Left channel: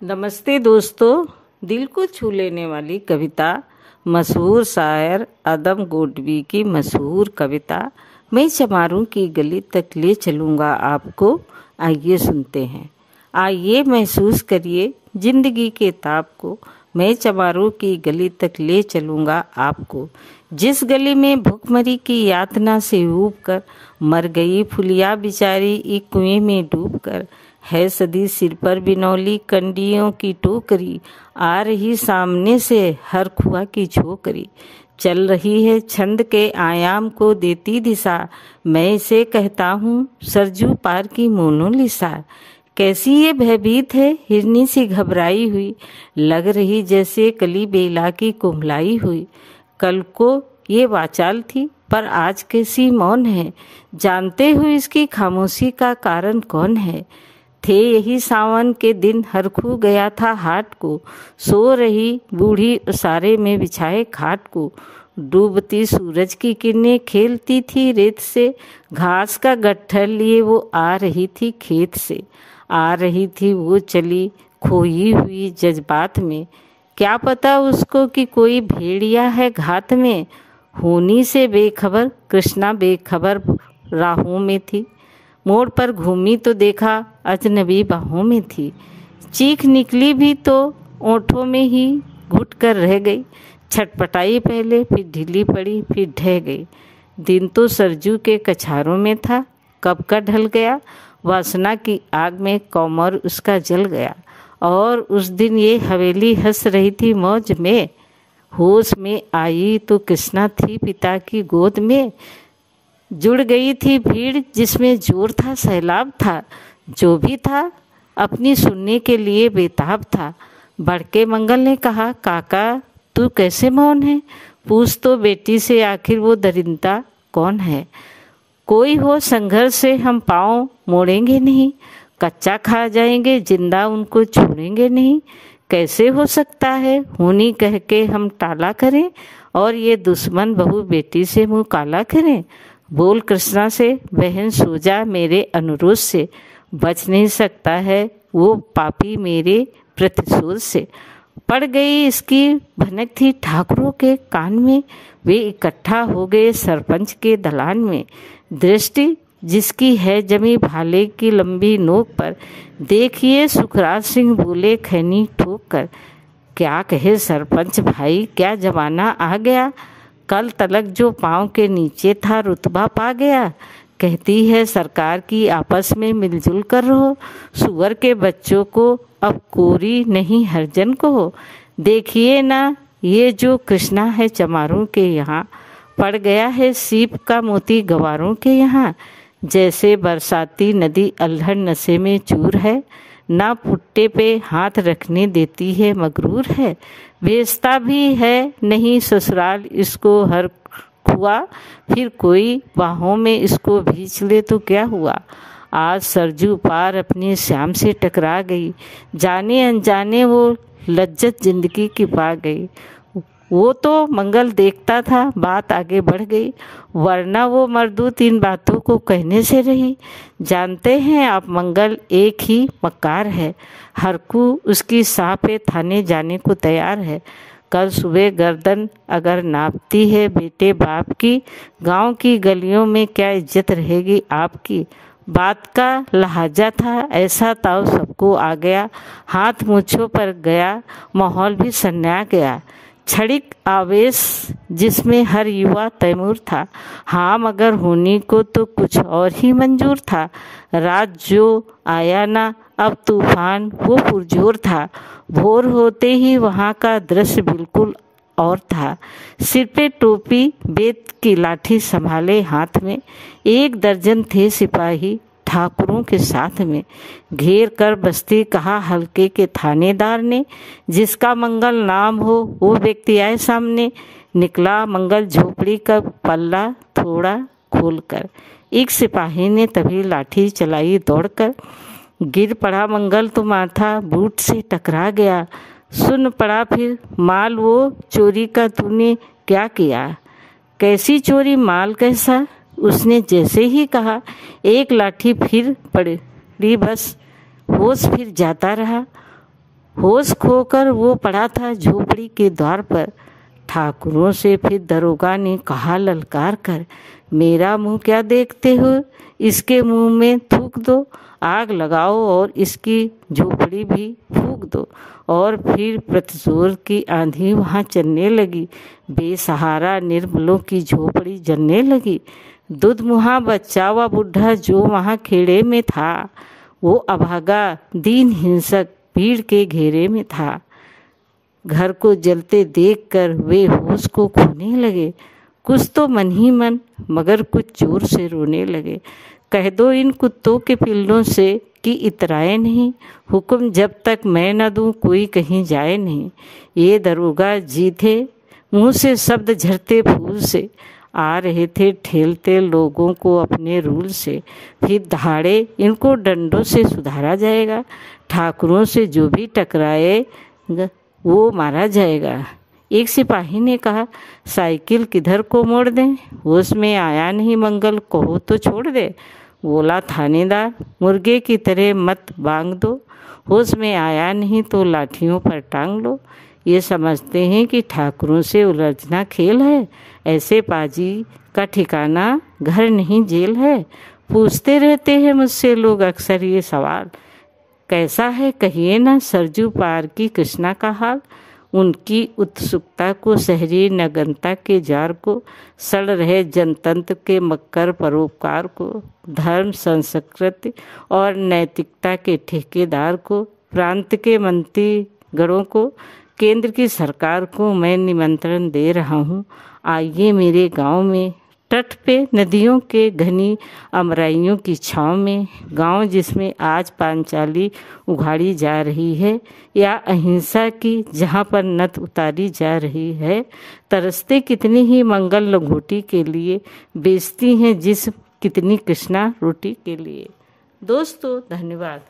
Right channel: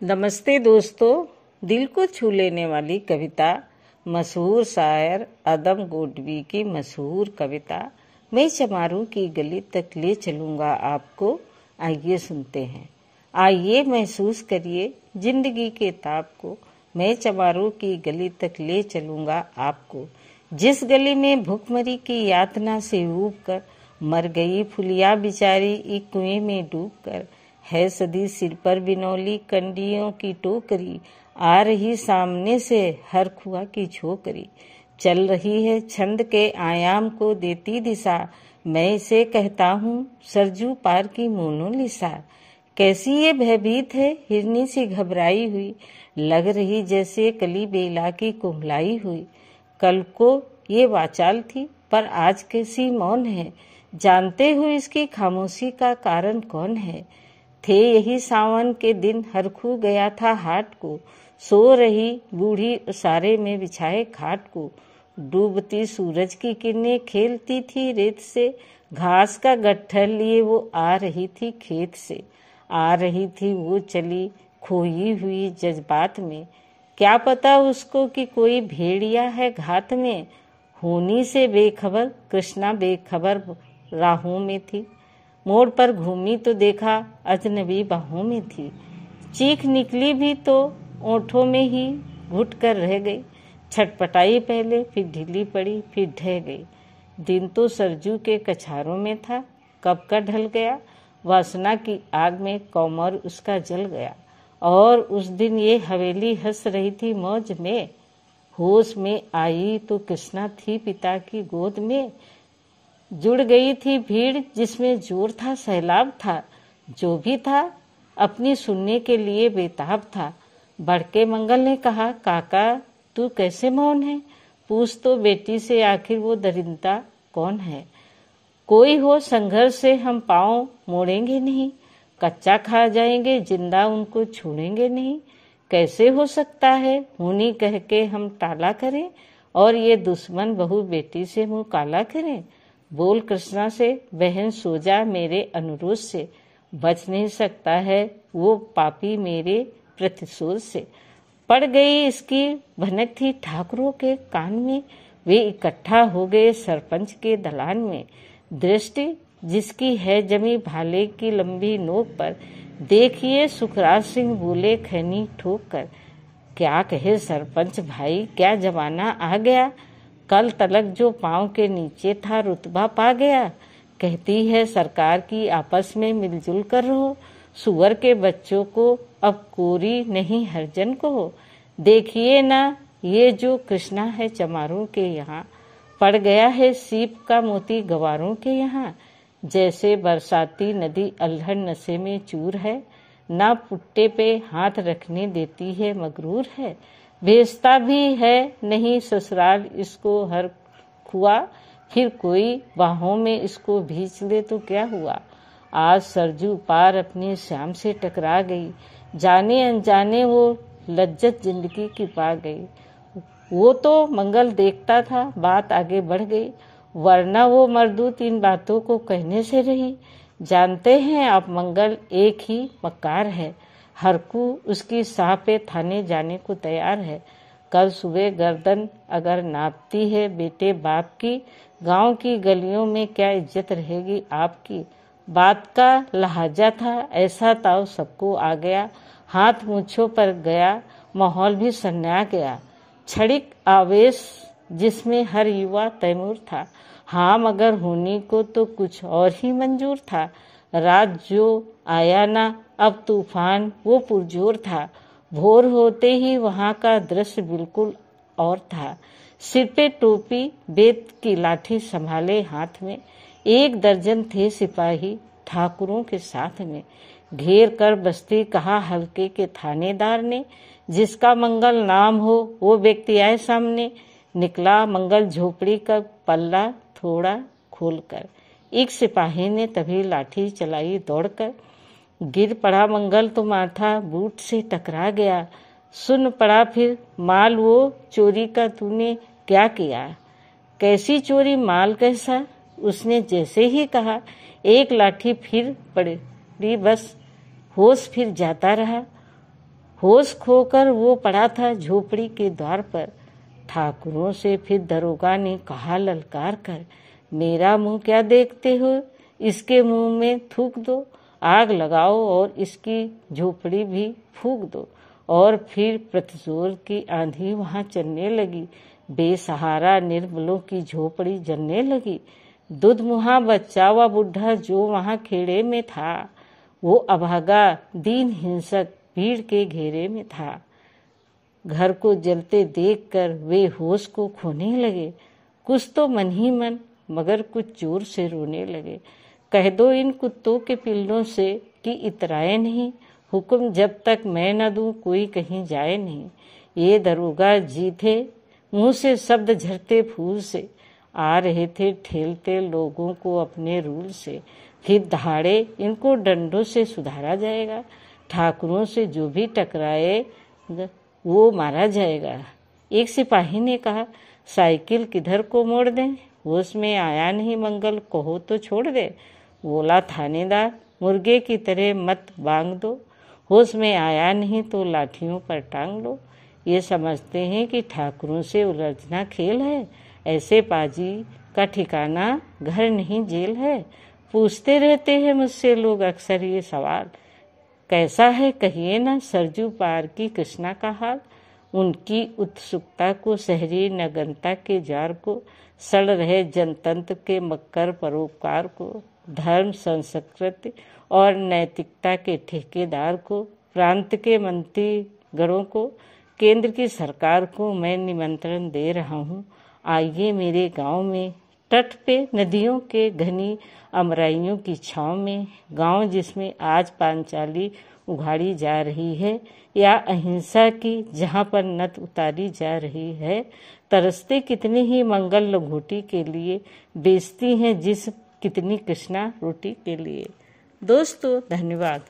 नमस्ते दोस्तों। दिल को छू लेने वाली कविता, मशहूर शायर आदम गोडवी की मशहूर कविता मैं चमारों की गली तक ले चलूँगा आपको। आइए सुनते हैं। आइए महसूस करिए जिंदगी के ताप को। मैं चमारों की गली तक ले चलूँगा आपको। जिस गली में भूखमरी की यातना से ऊब कर मर गई फुलिया बिचारी एक कुएं में डूब कर। है सदी सिर पर बिनौली कंडियों की टोकरी, आ रही सामने से हर खुआ की छोकरी। चल रही है छंद के आयाम को देती दिशा, मैं इसे कहता हूँ सरजू पार की मोनालिसा। कैसी ये भयभीत है हिरनी सी घबराई हुई, लग रही जैसे कली बेला की कुम्हलाई हुई। कल को ये वाचाल थी पर आज कैसी मौन है, जानते हो इसकी खामोशी का कारण कौन है। थे यही सावन के दिन हर खू गया था हाट को, सो रही बूढ़ी उसारे में बिछाए खाट को। डूबती सूरज की किरणें खेलती थी रेत से, घास का गट्ठर लिए वो आ रही थी खेत से। आ रही थी वो चली खोई हुई जज्बात में, क्या पता उसको कि कोई भेड़िया है घात में। होनी से बेखबर कृष्णा बेखबर राहों में थी, मोड़ पर घूमी तो देखा अजनबी बाहों में थी। चीख निकली भी तो ओंठों में ही घुट कर रह गई, छटपटाई पहले फिर ढीली पड़ी फिर ढह गई। दिन तो सरजू के कछारों में था, कब का ढल गया, वासना की आग में कौमर उसका जल गया। और उस दिन ये हवेली हंस रही थी मौज में, होश में आई तो कृष्णा थी पिता की गोद में। जुड़ गई थी भीड़ जिसमें जोर था सैलाब था, जो भी था अपनी सुनने के लिए बेताब था। बड़के मंगल ने कहा, काका तू कैसे मौन है, पूछ तो बेटी से आखिर वो दरिंदा कौन है। कोई हो संघर्ष से हम पाँव मोड़ेंगे नहीं, कच्चा खा जाएंगे जिंदा उनको छोड़ेंगे नहीं। कैसे हो सकता है होनी कह के हम टाला करें, और ये दुश्मन बहू बेटी से मुँह काला करें। बोल कृष्णा से बहन सो जा मेरे अनुरोध से, बच नहीं सकता है वो पापी मेरे प्रतिशोध से। पड़ गई इसकी भनक थी ठाकुरों के कान में, वे इकट्ठा हो गए सरपंच के दलान में। दृष्टि जिसकी है जमी भाले की लंबी नोक पर, देखिए सुखराज सिंह बोले खैनी ठोक कर। क्या कहे सरपंच भाई क्या जमाना आ गया, कल तलक जो पाँव के नीचे था रुतबा पा गया। कहती है सरकार की आपस में मिलजुल कर रहो, सुअर के बच्चों को अब कोरी नहीं हरजन को हो। देखिए ना ये जो कृष्णा है चमारों के यहाँ, पड़ गया है सीप का मोती गवारों के यहाँ। जैसे बरसाती नदी अल्हड़ नशे में चूर है, ना पुट्टे पे हाथ रखने देती है मगरूर है। भेजता भी है नहीं ससुराल इसको हर खुआ, फिर कोई बाहों में इसको भींच ले तो क्या हुआ। आज सरजू पार अपने श्याम से टकरा गई, जाने अनजाने वो लज्जत जिंदगी की पा गई। वो तो मंगल देखता था बात आगे बढ़ गई, वरना वो मर्दूत इन बातों को कहने से रही। जानते हैं आप मंगल एक ही मक्कार है, हरकू उसकी साह पे थाने जाने को तैयार है। कल सुबह गर्दन अगर नापती है बेटे बाप की, गांव की गलियों में क्या इज्जत रहेगी आपकी। बात का लहाजा था ऐसा ताव सबको आ गया, हाथ मूछों पर गया माहौल भी सन्ना गया। क्षणिक आवेश जिसमें हर युवा तैमूर था, हाँ मगर होनी को तो कुछ और ही मंजूर था। रात जो आया ना अब तूफान वो पुरजोर था, भोर होते ही वहाँ का दृश्य बिल्कुल और था। सिर पे टोपी बेत की लाठी संभाले हाथ में, एक दर्जन थे सिपाही ठाकुरों के साथ में। घेर कर बस्ती कहा हल्के के थानेदार ने, जिसका मंगल नाम हो वो व्यक्ति आए सामने। निकला मंगल झोपड़ी का पल्ला थोड़ा खोलकर, एक सिपाही ने तभी लाठी चलाई दौड़कर। गिर पड़ा मंगल तो माथा बूट से टकरा गया, सुन पड़ा फिर माल वो चोरी का तूने क्या किया। कैसी चोरी माल कैसा, उसने जैसे ही कहा एक लाठी फिर पड़ी, बस होश फिर जाता रहा। होश खोकर वो पड़ा था झोपड़ी के द्वार पर। ठाकुरों से फिर दरोगा ने कहा ललकार कर, मेरा मुंह क्या देखते हो, इसके मुंह में थूक दो, आग लगाओ और इसकी झोपड़ी भी फूंक दो। और फिर प्रतिशोर की आंधी वहाँ चलने लगी। बेसहारा निर्बलों की झोपड़ी जलने लगी। दुधमुहा बच्चा व बुढ़ा जो वहाँ खेड़े में था, वो अभागा दीन हिंसक भीड़ के घेरे में था। घर को जलते देखकर वे होश को खोने लगे। कुछ तो मन ही मन मगर कुछ जोर से रोने लगे। कह दो इन कुत्तों के पिल्लों से कि इतराए नहीं, हुक्म जब तक मैं न दूं कोई कहीं जाए नहीं। ये दरोगा जी थे, मुंह से शब्द झरते फूल से, आ रहे थे ठेलते लोगों को अपने रूल से। फिर दहाड़े इनको डंडों से सुधारा जाएगा, ठाकुरों से जो भी टकराएगा वो मारा जाएगा। एक सिपाही ने कहा, साइकिल किधर को मोड़ दें, होश में आया नहीं मंगल, कहो तो छोड़ दे। बोला थानेदार, मुर्गे की तरह मत बांग दो, होश में आया नहीं तो लाठियों पर टांग लो। ये समझते हैं कि ठाकुरों से उलझना खेल है, ऐसे पाजी का ठिकाना घर नहीं जेल है। पूछते रहते हैं मुझसे लोग अक्सर ये सवाल, कैसा है कहिए ना सरजू पार की कृष्णा का हाल। उनकी उत्सुकता को, शहरी नगनता के जार को, सड़ रहे जनतंत्र के मक्कर परोपकार को, धर्म संस्कृति और नैतिकता के ठेकेदार को, प्रांत के मंत्री गणों को, केंद्र की सरकार को मैं निमंत्रण दे रहा हूँ। आइए मेरे गांव में, तट पे नदियों के घनी अमराइयों की छाँव में, गांव जिसमें आज पांचाली उघाड़ी जा रही है या अहिंसा की जहाँ पर नथ उतारी जा रही है। तरसते कितनी ही मंगल लंगोटी के लिए, बेचती हैं जिस कितनी कृष्णा रोटी के लिए। दोस्तों धन्यवाद।